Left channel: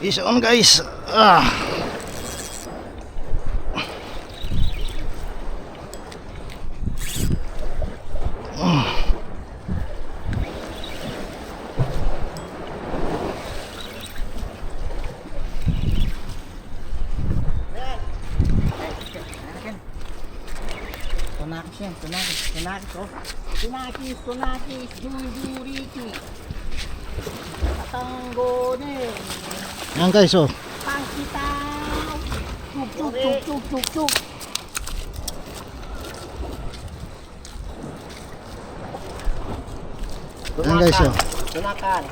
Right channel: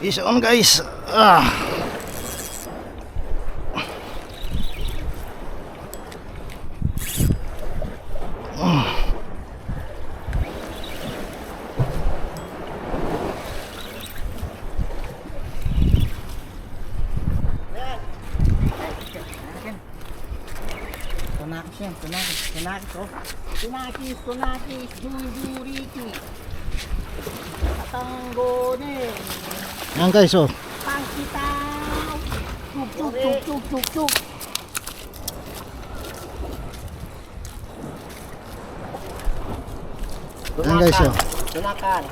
Is on guys. Ah. Tunakis yan, tunakis oh. Tunakis, duriki. Katanggone. Yan guys oh. Pangkitaw. Tuk. Yan guys oh. Tunakan.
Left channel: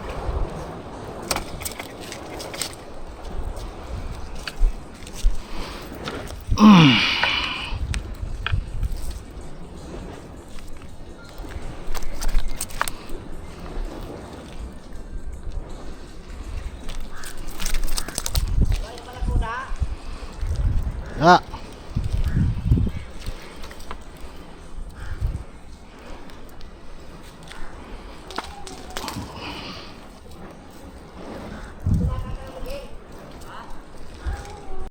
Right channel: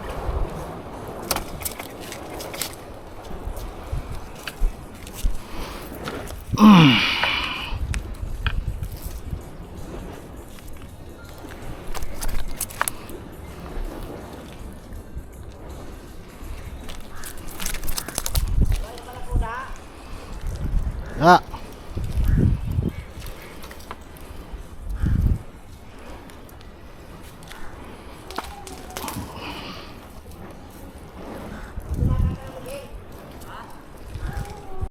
Ya.